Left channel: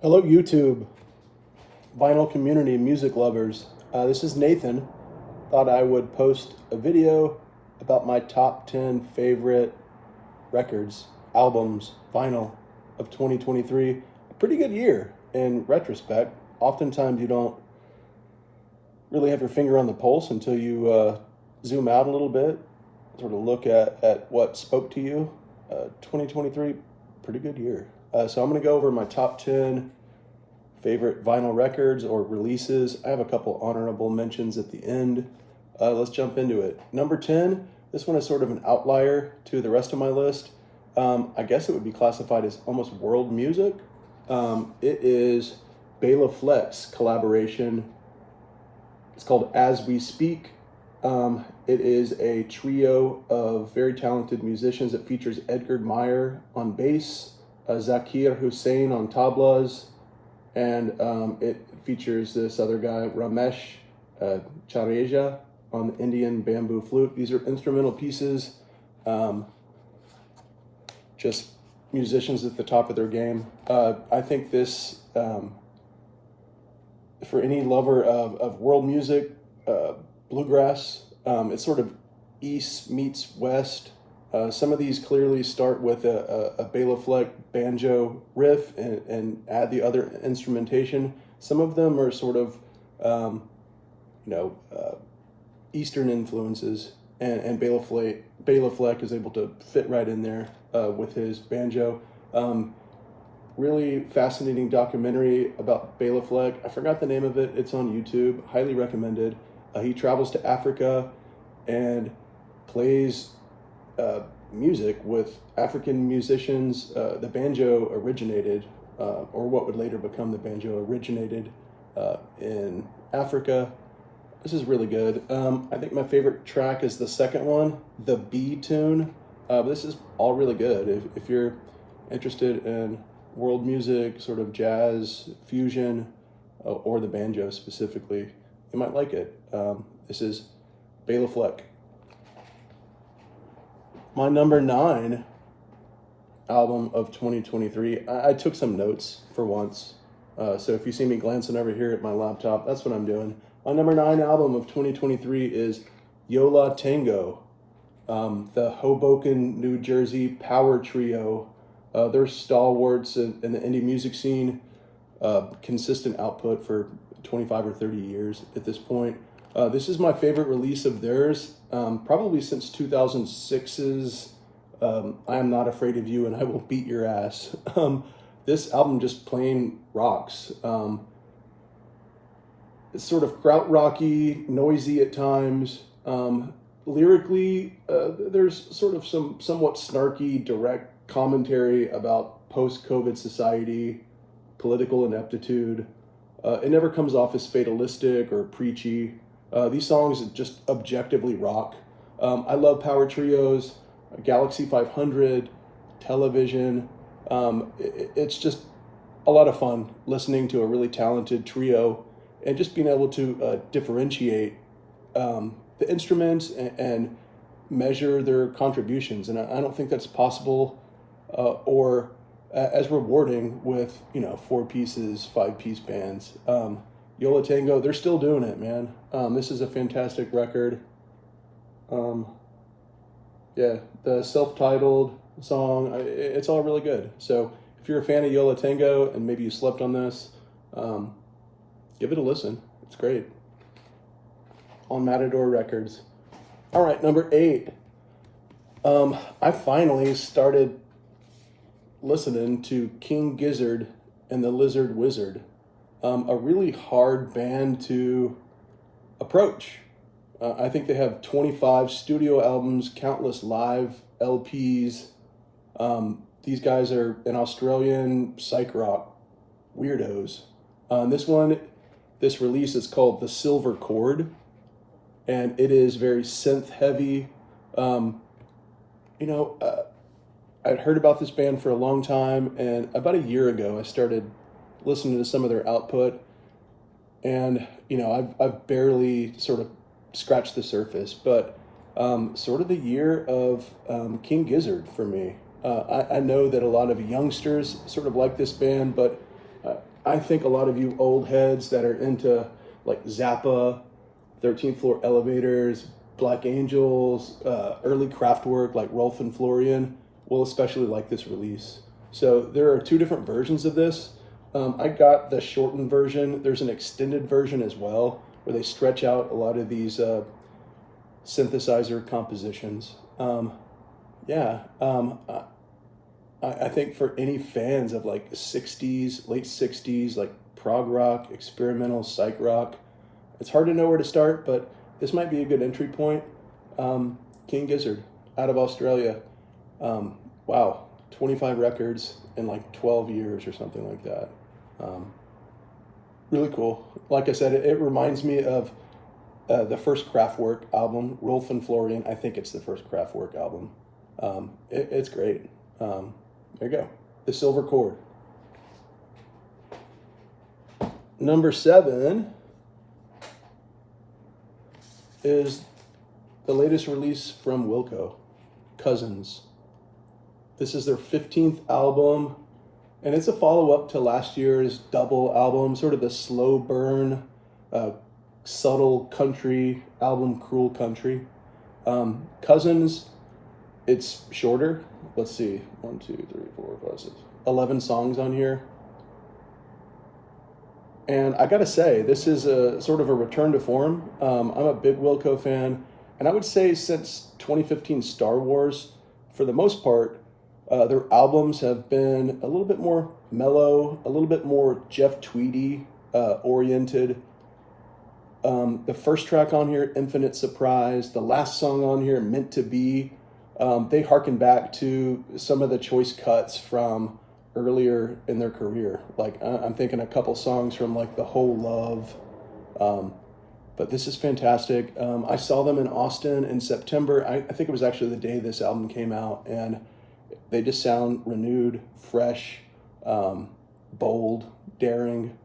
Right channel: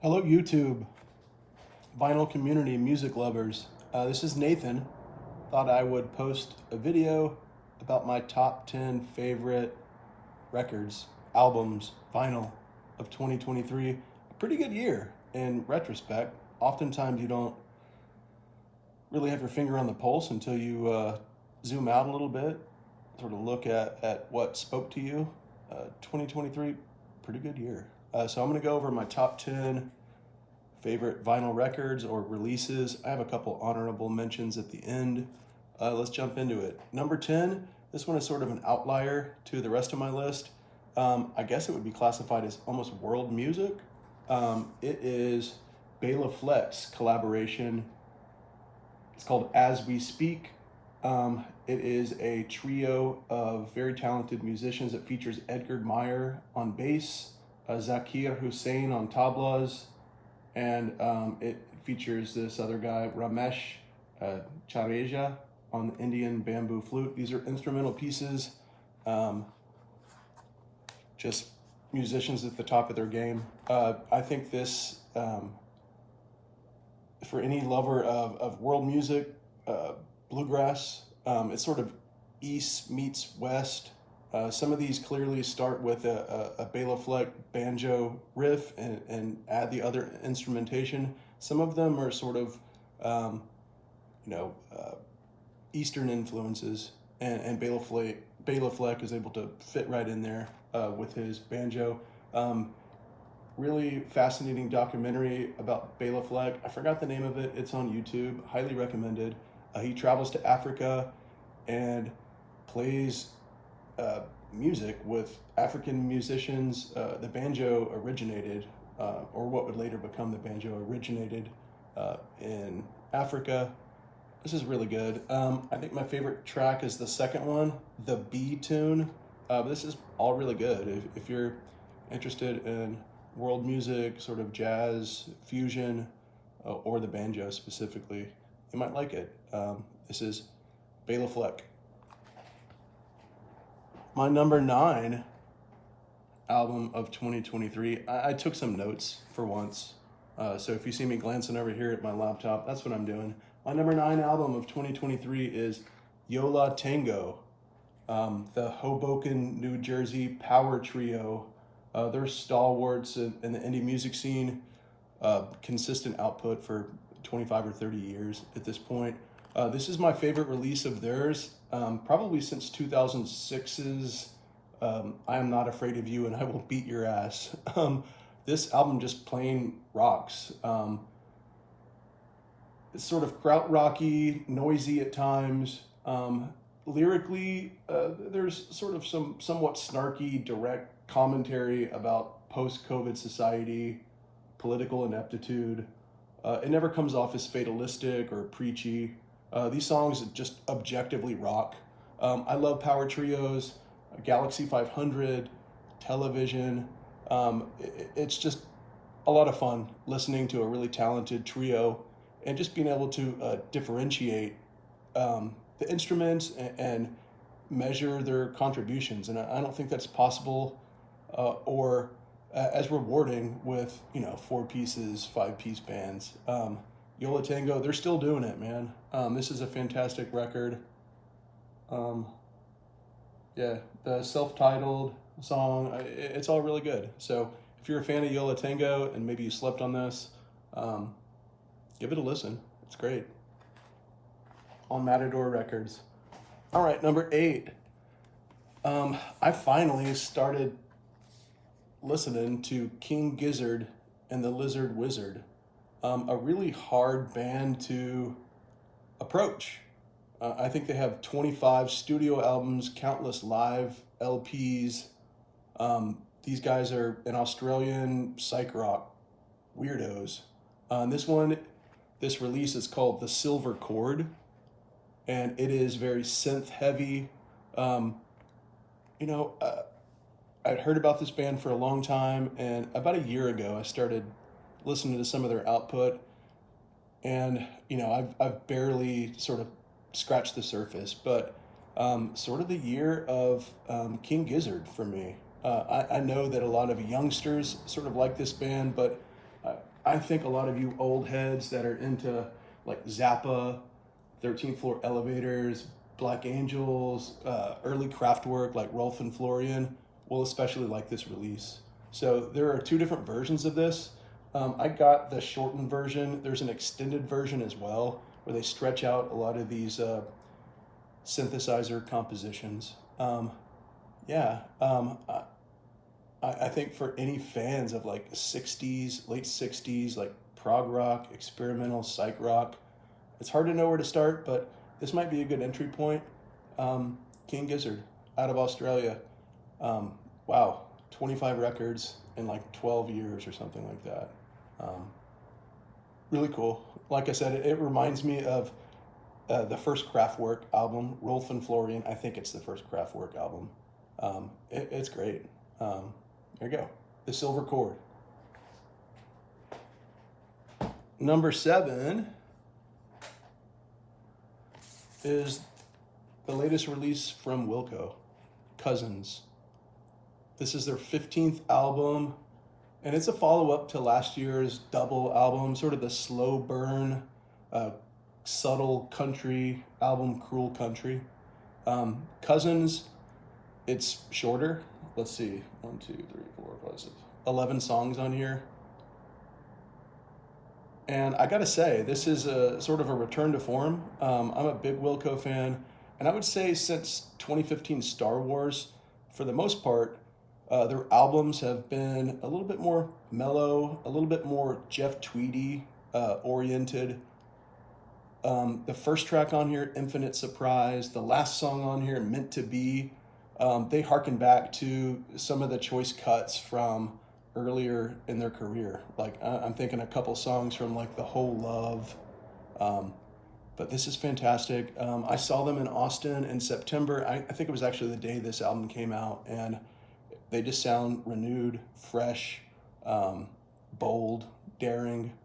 Hello, YouTube, vinyl community, and music lovers. This is Nathan. Thought I would post a video about my top 10 favorite records, albums, vinyl of 2023. A pretty good year in retrospect. Oftentimes, you don't really have your finger on the pulse until you zoom out a little bit, sort of look at what spoke to you. 2023, pretty good year. So I'm going to go over my top 10 favorite vinyl records or releases. I have a couple honorable mentions at the end. Let's jump into it. Number 10, this one is sort of an outlier to the rest of my list. I guess it would be classified as almost world music. It is Bela Fleck's collaboration. It's called As We Speak. It is a trio of very talented musicians. It features Edgar Meyer on bass, Zakir Hussain on tablas, and it features this other guy, Ramesh Chareja, on the Indian bamboo flute. These are instrumental pieces, just musicians at the top of their game. I think this, for any lover of world music, bluegrass, it's sort of East meets West. Some of these clearly start with a Bela Fleck banjo riff and add the other instrumentation. Some of them are sort of, Eastern influences, and Bela Fleck is able to fit right in there with his banjo. Really fascinating documentary about Bela Fleck. I forgot the name of it. It's on YouTube. Highly recommended. He travels to Africa and plays music with African musicians. The banjo originated, or what would later become the banjo, originated in Africa. This is really good. I think my favorite track is the second one, the B tune. This is all really good. If you're interested in world music, sort of jazz, fusion, or the banjo specifically, you might like it. This is Bela Fleck. My number 9 album of 2023, I took some notes for once. So if you see me glancing over here at my laptop, that's what I'm doing. My number 9 album of 2023 is Yola Tango, the Hoboken, New Jersey power trio. They're stalwarts in the indie music scene, consistent output for 25 or 30 years at this point. This is my favorite release of theirs, probably since 2006's I Am Not Afraid of You and I Will Beat Your Ass. This album just plain rocks. It's sort of krautrocky, noisy at times. Lyrically, there's sort of some somewhat snarky, direct commentary about post-COVID society, political ineptitude. It never comes off as fatalistic or preachy. These songs just objectively rock. I love power trios, Galaxy 500, Television. It's just a lot of fun listening to a really talented trio and just being able to differentiate the instruments and measure their contributions. And I don't think that's possible or as rewarding with 4 pieces, 5-piece bands. Yola Tango, they're still doing it, man. This is a fantastic record. The self-titled song, it's all really good. So if you're a fan of Yola Tango and maybe you slept on this, give it a listen. It's great. On Matador Records. All right, number 8. I finally started listening to King Gizzard and the Lizard Wizard. A really hard band to approach. I think they have 25 studio albums, countless live LPs. These guys are an Australian psych rock weirdos. This release is called The Silver Chord, and it is very synth heavy. I'd heard about this band for a long time, and about a year ago I started listening to some of their output, and I've barely sort of scratched the surface, but sort of the year of King Gizzard for me. I know that a lot of youngsters sort of like this band, but I think a lot of you old heads that are into like Zappa, 13th Floor Elevators, Black Angels, early Kraftwerk like Rolf and Florian will especially like this release. So there are 2 different versions of this. I got the shortened version. There's an extended version as well where they stretch out a lot of these synthesizer compositions. I think for any fans of like 60s, late 60s, like prog rock, experimental psych rock, it's hard to know where to start, but this might be a good entry point. King Gizzard out of Australia. Wow, 25 records in like 12 years or something like that. Really cool. Like I said, it reminds me of the first Kraftwerk album, Rolf and Florian. I think it's the first Kraftwerk album. It's great. There you go. The Silver Chord. Number 7 is the latest release from Wilco Cousins. This is their 15th album, and it's a follow-up to last year's double album, sort of the slow burn, subtle country album, Cruel Country. Cousins, it's shorter. Let's see, 1, 2, 3, 4, 5, 6, 11 songs on here. And I gotta say, this is a sort of a return to form. I'm a big Wilco fan, and I would say since 2015 Star Wars, for the most part, their albums have been a little bit more mellow, a little bit more Jeff Tweedy oriented. The first track on here, Infinite Surprise, the last song on here, Meant to Be, they harken back to some of the choice cuts from earlier in their career. Like I'm thinking a couple songs from like The Whole Love, but this is fantastic. I saw them in Austin in September. I think it was actually the day this album came out, and they just sound renewed, fresh, bold, daring.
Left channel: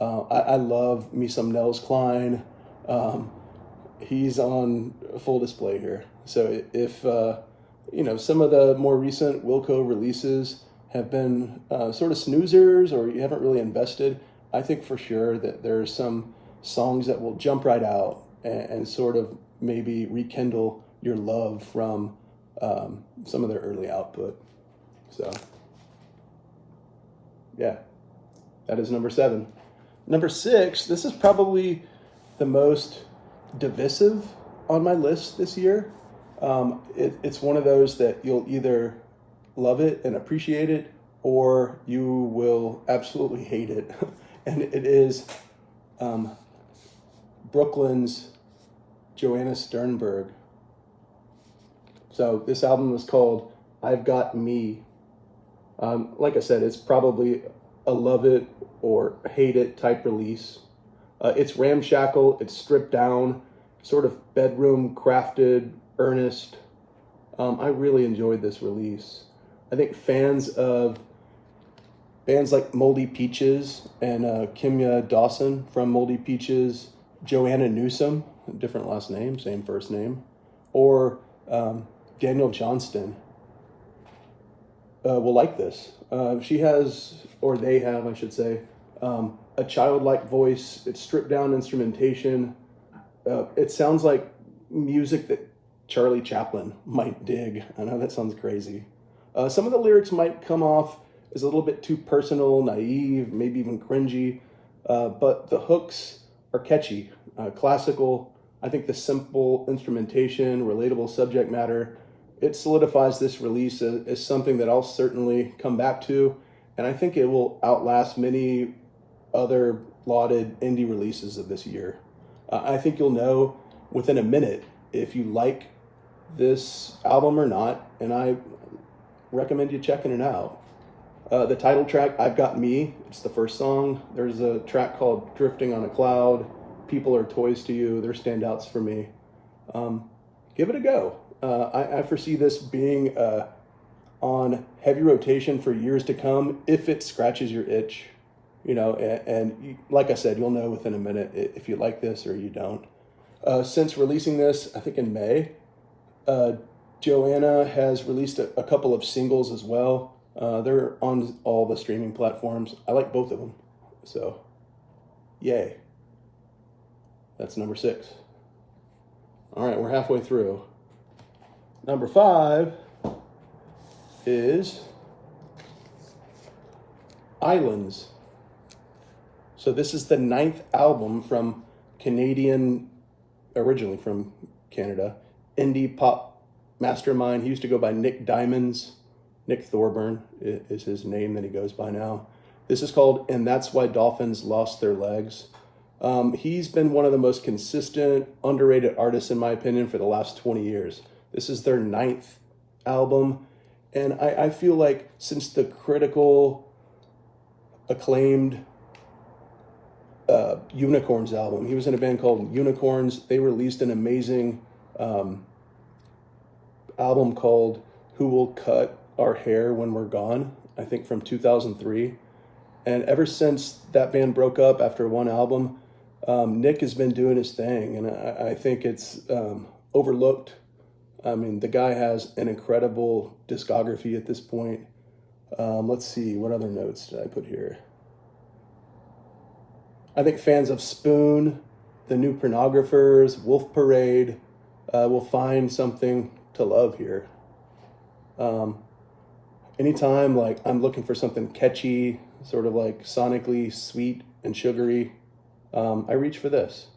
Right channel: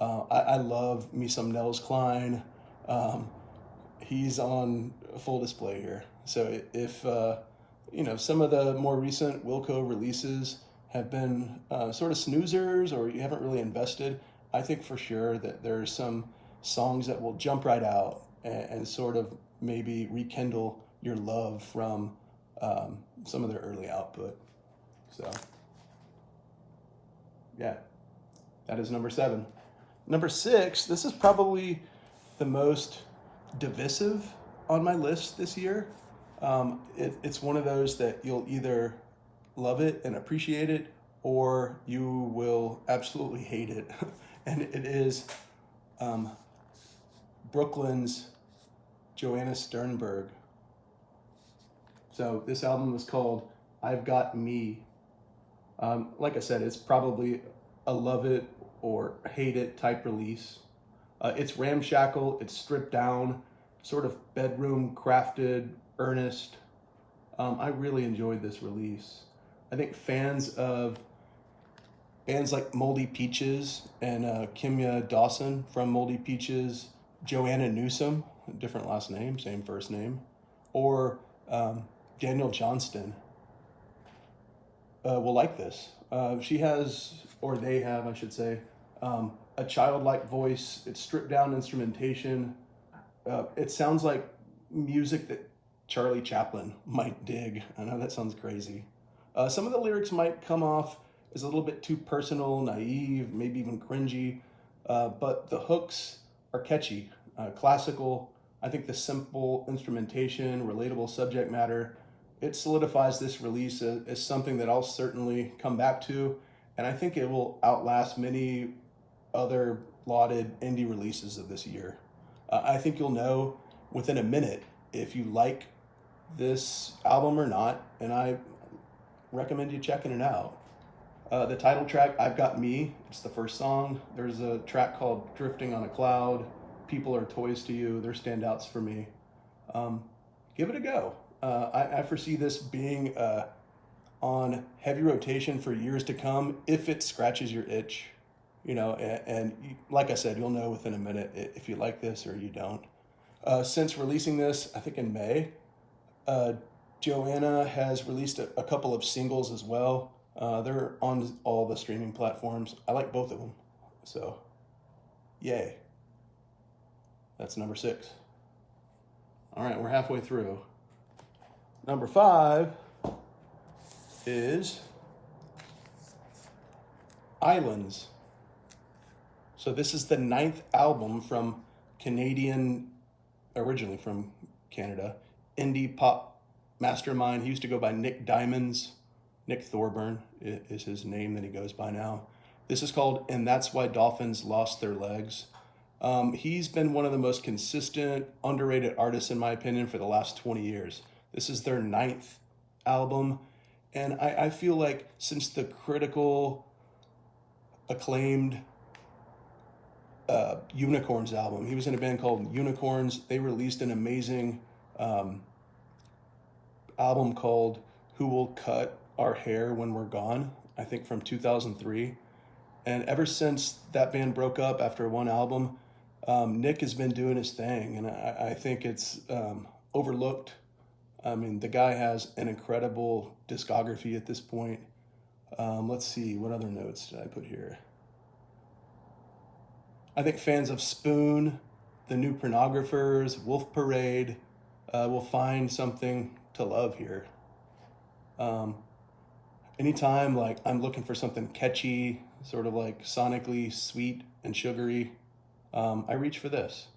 I love me some Nels Cline. He's on full display here. So if some of the more recent Wilco releases have been sort of snoozers, or you haven't really invested, I think for sure that there's some songs that will jump right out and sort of maybe rekindle your love from some of their early output. So yeah, that is number 7. Number 6, this is probably the most divisive on my list this year. It's one of those that you'll either love it and appreciate it, or you will absolutely hate it. And it is Brooklyn's Joanna Sternberg. So this album was called I've Got Me. Like I said, it's probably a love it or hate it type release. It's ramshackle, it's stripped down, sort of bedroom crafted, earnest. I really enjoyed this release. I think fans of bands like Moldy Peaches and Kimya Dawson from Moldy Peaches, Joanna Newsom, different last name, same first name, or Daniel Johnston will like this. She has, or they have, I should say, a childlike voice. It's stripped down instrumentation. It sounds like music that Charlie Chaplin might dig. I know that sounds crazy. Some of the lyrics might come off as a little bit too personal, naive, maybe even cringy, but the hooks are catchy, classical. I think the simple instrumentation, relatable subject matter, it solidifies this release as something that I'll certainly come back to, and I think it will outlast many other lauded indie releases of this year. I think you'll know within a minute if you like this album or not, and I recommend you checking it out. The title track, I've Got Me, it's the first song. There's a track called Drifting on a Cloud, People Are Toys to You, they're standouts for me. Give it a go. I foresee this being on heavy rotation for years to come if it scratches your itch, and like I said, you'll know within a minute if you like this or you don't. Since releasing this, I think in May, Joanna has released a couple of singles as well. They're on all the streaming platforms. I like both of them. So, yay. That's number 6. All right, we're halfway through. Number 5 is Islands. So this is the 9th album from originally from Canada, indie pop mastermind. He used to go by Nick Diamonds. Nick Thorburn is his name that he goes by now. This is called And That's Why Dolphins Lost Their Legs. He's been one of the most consistent, underrated artists, in my opinion, for the last 20 years. This is their 9th album. And I feel like since the critical acclaimed Unicorns album, he was in a band called Unicorns. They released an amazing album called Who Will Cut Our Hair When We're Gone, I think from 2003. And ever since that band broke up after one album, Nick has been doing his thing, and I think it's overlooked. I mean, the guy has an incredible discography at this point. Let's see, what other notes did I put here? I think fans of Spoon, The New Pornographers, Wolf Parade will find something to love here. Anytime like I'm looking for something catchy, sort of like sonically sweet and sugary, I reach for this.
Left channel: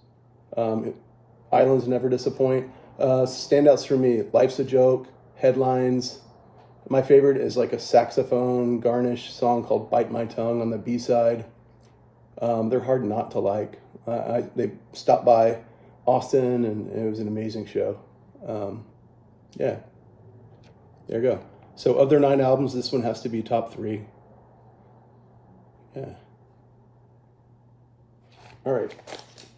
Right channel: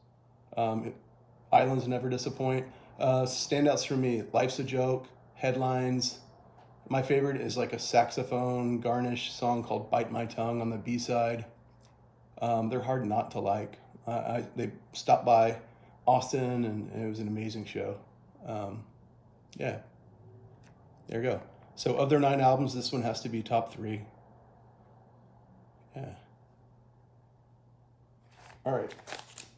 Islands never disappoint. Standouts for me, Life's a Joke, Headlines. My favorite is like a saxophone garnish song called Bite My Tongue on the B-side. They're hard not to like. They stopped by Austin and it was an amazing show. Yeah, there you go. So of their 9 albums, this one has to be top 3. Yeah. All right,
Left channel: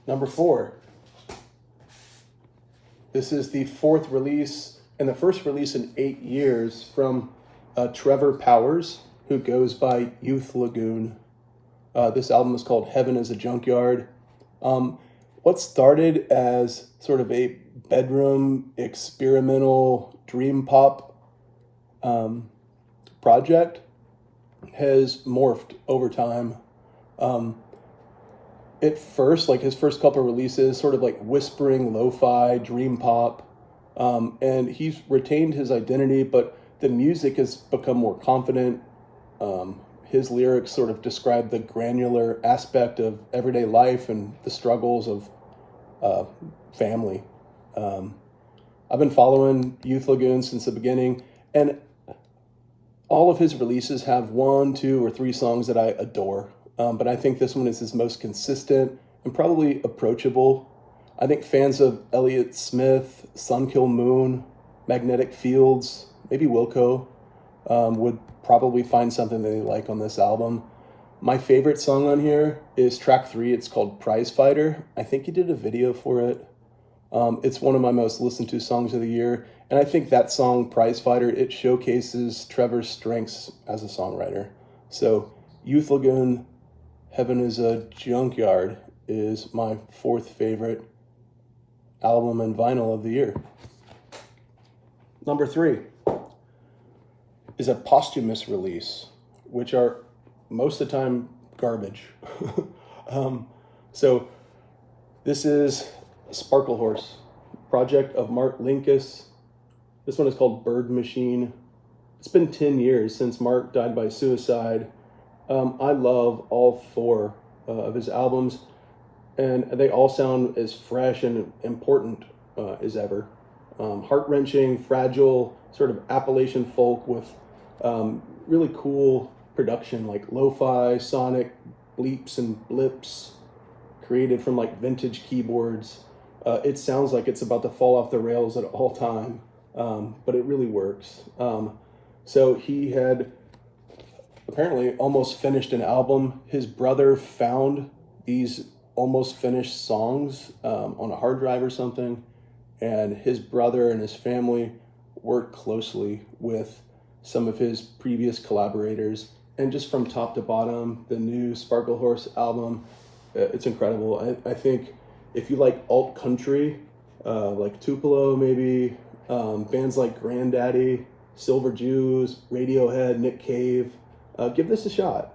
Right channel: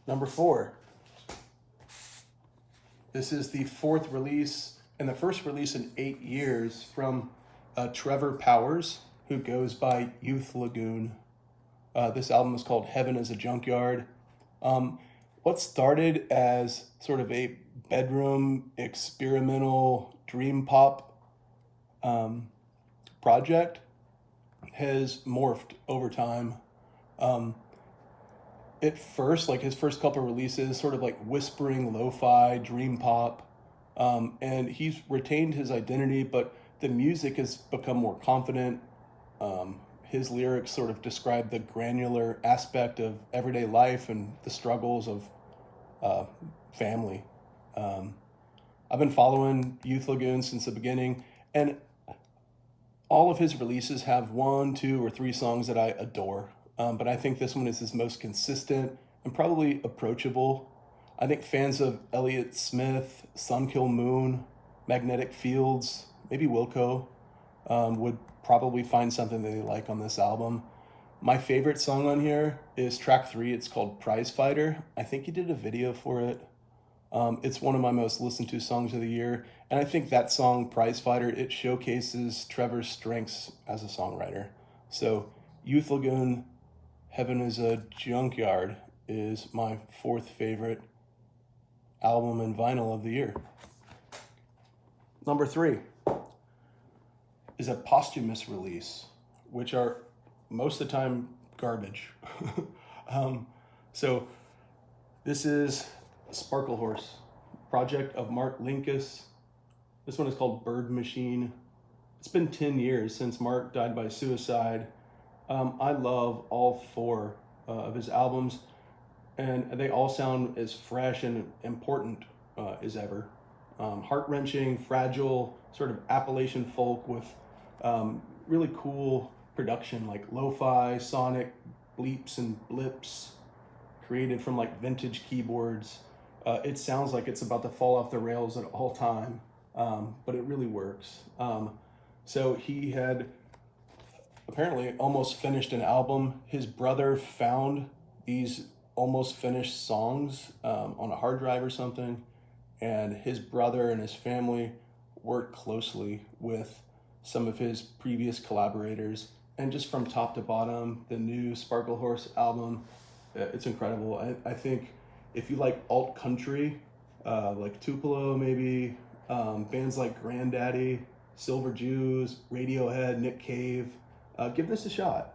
number 4. This is the 4th release and the first release in 8 years from Trevor Powers, who goes by Youth Lagoon. This album is called Heaven is a Junkyard. What started as sort of a bedroom experimental dream pop project has morphed over time. At first, like his first couple of releases, sort of like whispering lo-fi dream pop, and he's retained his identity, but the music has become more confident. His lyrics sort of describe the granular aspect of everyday life and the struggles of family. I've been following Youth Lagoon since the beginning, and all of his releases have 1, 2, or 3 songs that I adore. But I think this one is his most consistent and probably approachable. I think fans of Elliott Smith, Sunkill Moon, Magnetic Fields, maybe Wilco, would probably find something they like on this album. My favorite song on here is track 3. It's called Prize Fighter. I think he did a video for it. It's one of my most listened to songs of the year. And I think that song, Prize Fighter, it showcases Trevor's strengths as a songwriter. So Youth Lagoon, Heaven is a Junkyard is my 4th favorite album and vinyl of the year. Number 3 is a posthumous release, which are most of the time garbage. So this is Sparkle Horse, project of Mark Linkous. This one is called Bird Machine. It's been 10 years since Mark died by suicide. I love all 4 of his albums, and they all sound as fresh and important as ever. Heart-wrenching, fragile, sort of Appalachian folk with really cool production, like lo-fi, sonic bleeps and blips created from like vintage keyboards. It sounds like it's about to fall off the rails at all time, but it really works. So he had apparently almost finished an album. His brother found these almost finished songs on a hard drive or something, and his brother and his family worked closely with some of his previous collaborators, and just from top to bottom, the new Sparkle Horse album, it's incredible. I think if you like alt country, like Tupelo maybe, bands like Granddaddy, Silver Jews, Radiohead, Nick Cave, give this a shot.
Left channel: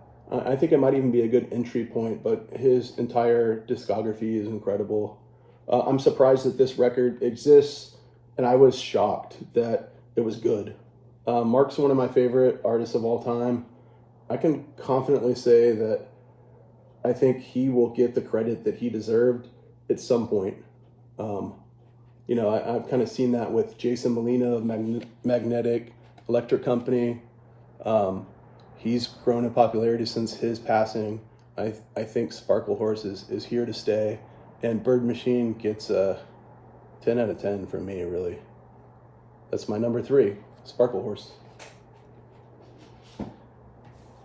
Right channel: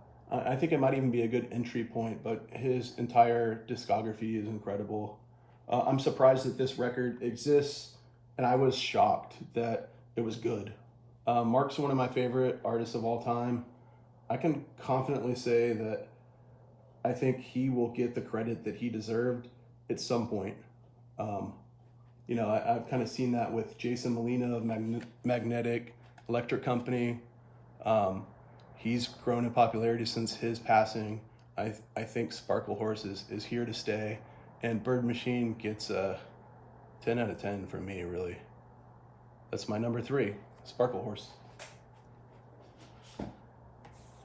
I think it might even be a good entry point, but his entire discography is incredible. I'm surprised that this record exists, and I was shocked that it was good. Mark's one of my favorite artists of all time. I can confidently say that I think he will get the credit that he deserved at some point. I've kind of seen that with Jason Molina of Magnetic Electric Company. He's grown in popularity since his passing. I think Sparkle Horse is here to stay, and Bird Machine gets a 10 out of 10 from me, really. That's my number 3, Sparkle Horse.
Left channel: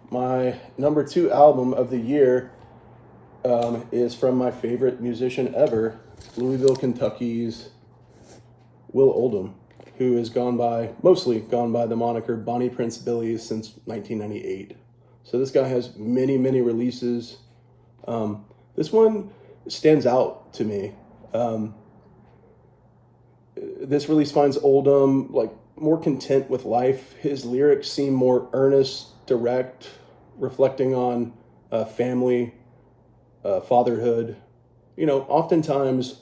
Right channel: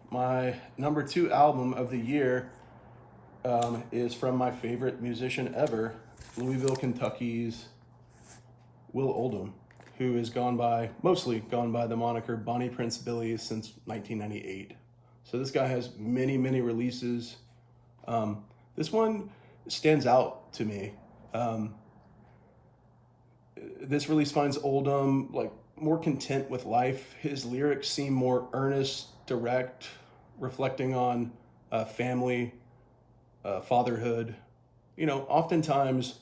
My number 2 album of the year is from my favorite musician ever, Louisville, Kentucky's Will Oldham, who has mostly gone by the moniker Bonnie Prince Billy since 1998. So this guy has many, many releases. This one stands out to me. This release finds Oldham more content with life. His lyrics seem more earnest, direct, reflecting on family, fatherhood. Oftentimes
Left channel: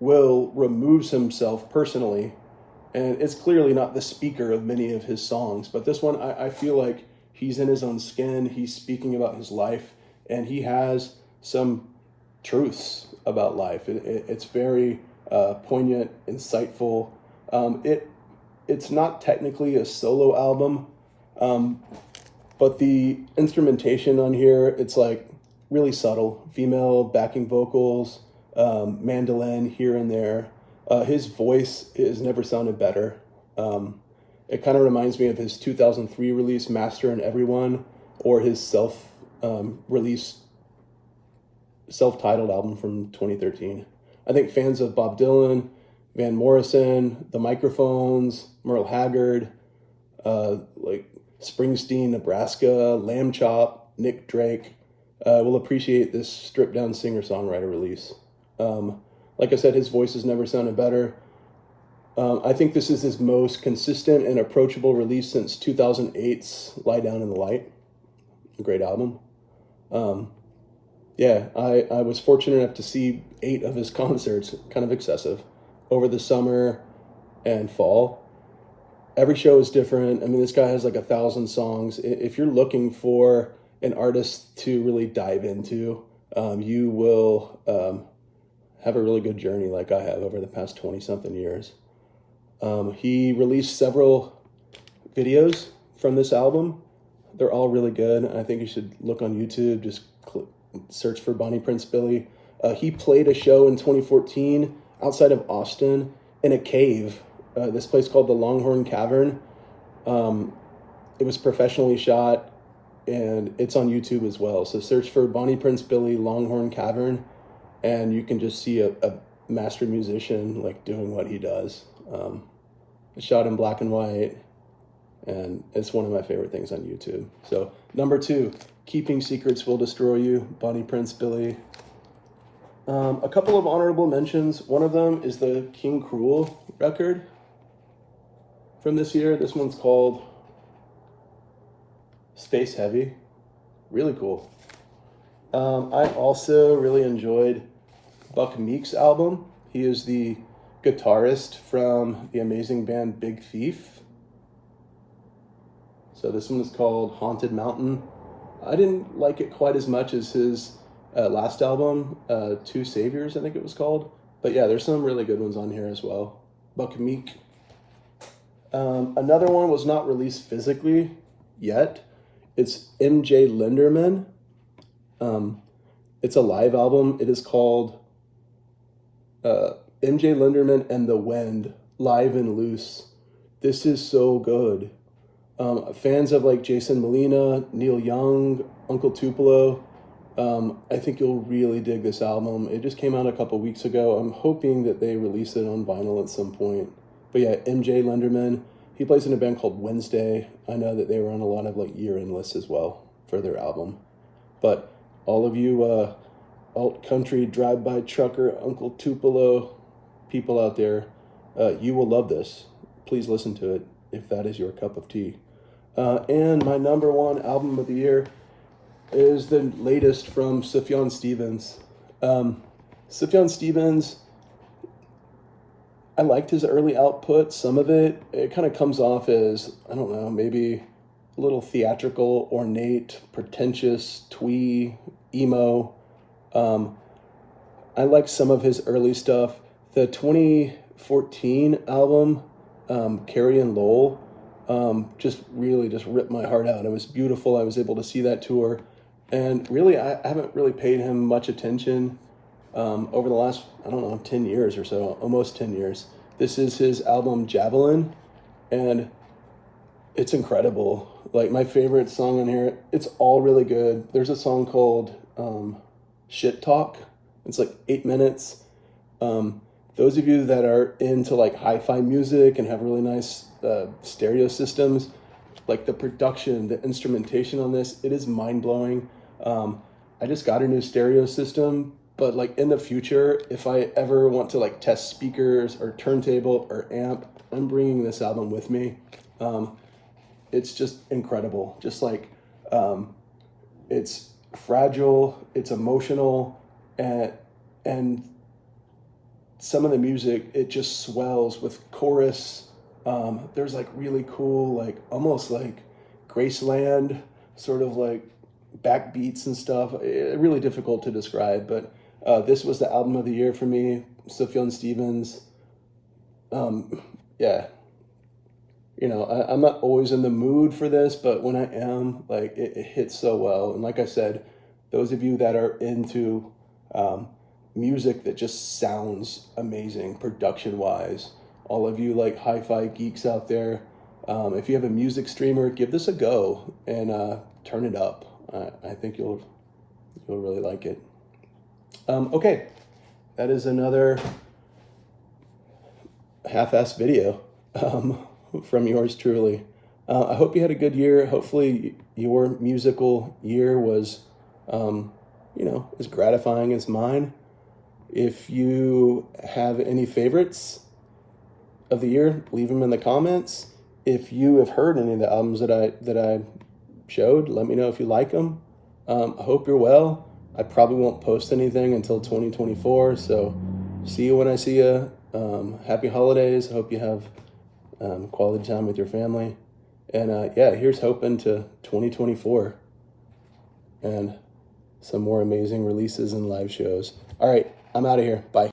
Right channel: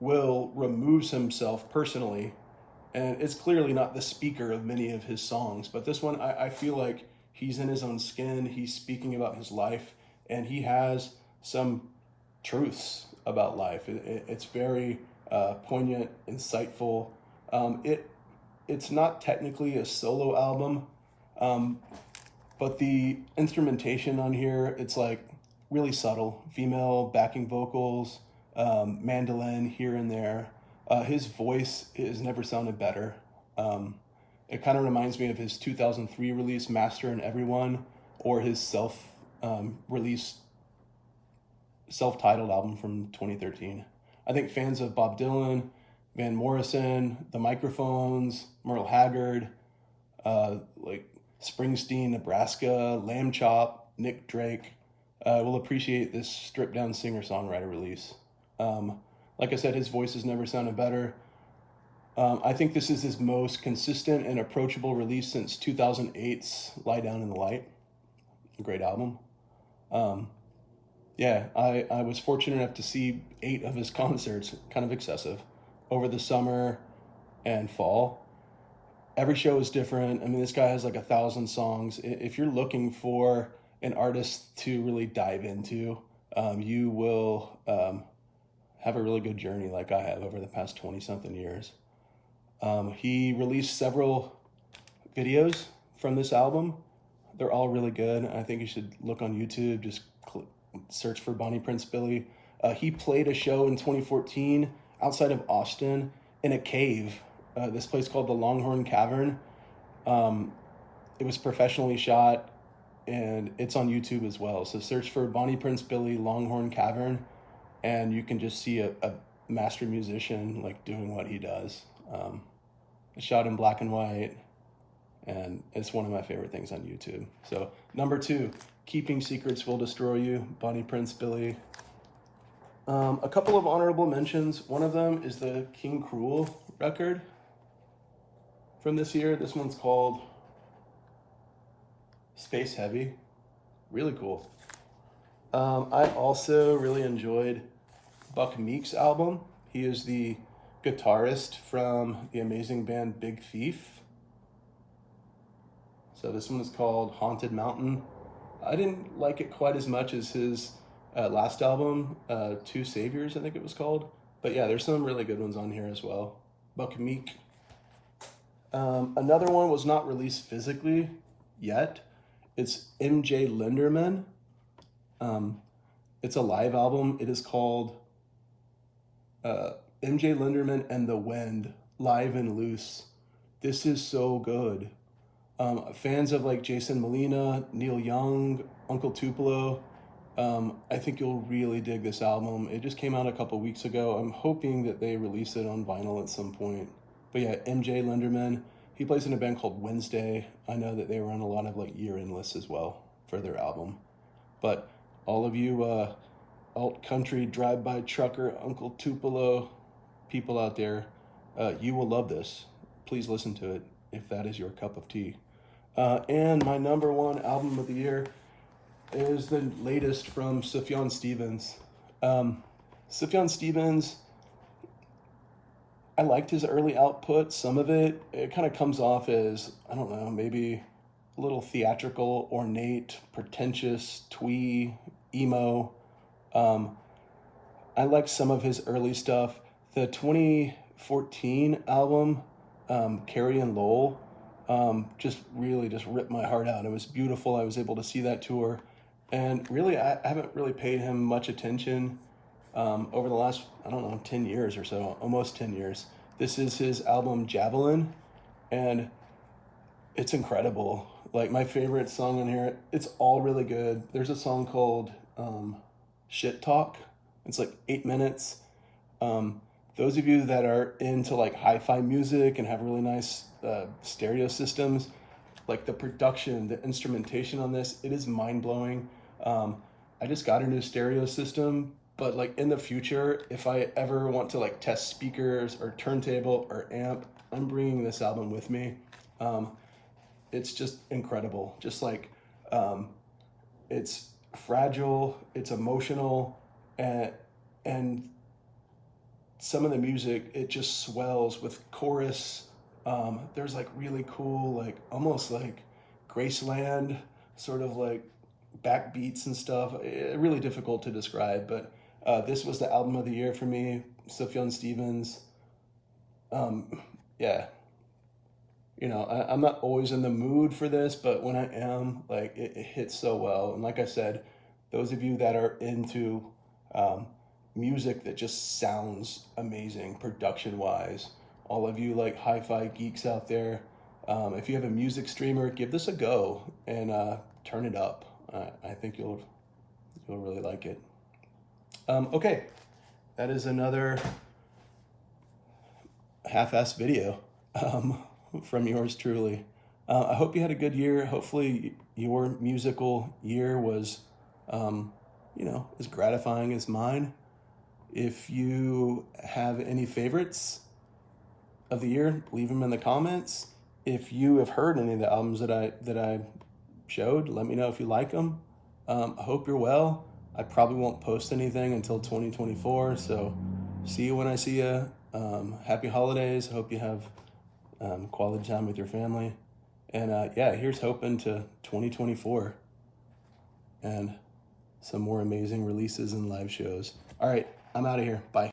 Will removes himself personally, and it's clearly not the speaker of many of his songs, but this one I feel like he's in his own skin. He's speaking about his life, and he has some truths about life. It's very poignant, insightful. It's not technically a solo album, but the instrumentation on here, it's really subtle. Female backing vocals, mandolin here and there. His voice has never sounded better. It kind of reminds me of his 2003 release, Master and Everyone, or his self-titled album from 2013. I think fans of Bob Dylan, Van Morrison, The Microphones, Merle Haggard, Springsteen, Nebraska, Lamb Chop, Nick Drake, will appreciate this stripped-down singer-songwriter release. Like I said, his voice has never sounded better. I think this is his most consistent and approachable release since 2008's Lie Down in the Light. A great album. I was fortunate enough to see 8 of his concerts, kind of excessive, over the summer and fall. Every show is different. I mean, this guy has 1,000 songs. If you're looking for an artist to really dive into, you will have a really good journey like I have over the past 20-something years. He released several videos from this album. They're all really good. I think you should look on YouTube, just search for Bonnie Prince Billy. He played a show in 2014 outside of Austin in a cave, this place called the Longhorn Cavern. It was professionally shot, and it's on YouTube as well. So search for Bonnie Prince Billy Longhorn Cavern, and you can just see a master musician doing what he does. It's shot in black and white, and it's one of my favorite things on YouTube. So number 2, Keeping Secrets Will Destroy You, Bonnie Prince Billy. A couple of honorable mentions. One of them is the King Cruel record from this year. This one's called Space Heavy. Really cool. I also really enjoyed Buck Meek's album. He is the guitarist from the amazing band Big Thief. So this one is called Haunted Mountain. I didn't like it quite as much as his last album, Two Saviors, I think it was called. But yeah, there's some really good ones on here as well. Buck Meek. Another one was not released physically yet. It's MJ Lenderman. It's a live album. It is called MJ Lenderman and the Wind, Live and Loose. This is so good. Fans of Jason Molina, Neil Young, Uncle Tupelo, I think you'll really dig this album. It just came out a couple weeks ago. I'm hoping that they release it on vinyl at some point. But yeah, MJ Lenderman, he plays in a band called Wednesday. I know that they were on a lot of year-end lists as well for their album. But all of you alt country drive-by trucker, Uncle Tupelo people out there, you will love this. Please listen to it. if that is your cup of tea. And my number one album of the year is the latest from Sfon Stevens. Sfon Stevens, I liked his early output. Some of it kind of comes off as, I don't know, maybe a little theatrical, ornate, pretentious, twee, emo. I like some of his early stuff. The 2014 album, Carrie and Lowell, just ripped my heart out. It was beautiful. I was able to see that tour. And really, I haven't really paid him much attention over the last, 10 years or so, almost 10 years. This is his album, Javelin, and it's incredible. Like, my favorite song on here, it's all really good. There's a song called Shit Talk. It's like 8 minutes. Those of you that are into like hi-fi music and have really nice stereo systems, like the production, the instrumentation on this, it is mind-blowing. I just got a new stereo system, but like in the future, if I ever want to like test speakers or turntable or amp, I'm bringing this album with me. It's just incredible. Just like, it's fragile, it's emotional, and some of the music, it just swells with chorus. There's like really cool, like almost like Graceland sort of like backbeats and stuff. Really difficult to describe, but this was the album of the year for me. Sfon Stevens. Yeah, I'm not always in the mood for this, but when I am, like it hits so well. And like I said, those of you that are into music that just sounds amazing production wise, all of you like hi-fi geeks out there, if you have a music streamer, give this a go and turn it up. I think you'll really like it. Okay, that is another half-assed video from yours truly. I hope you had a good year. Hopefully your musical year was as gratifying as mine. If you have any favorites of the year, leave them in the comments. If you have heard any of the albums that I showed, let me know if you like them. I hope you're well. I probably won't post anything until 2024, so see you when I see you. Happy holidays. Hope you have quality time with your family. And here's hoping to 2024 and some more amazing releases and live shows. All right, I'm out of here. Bye.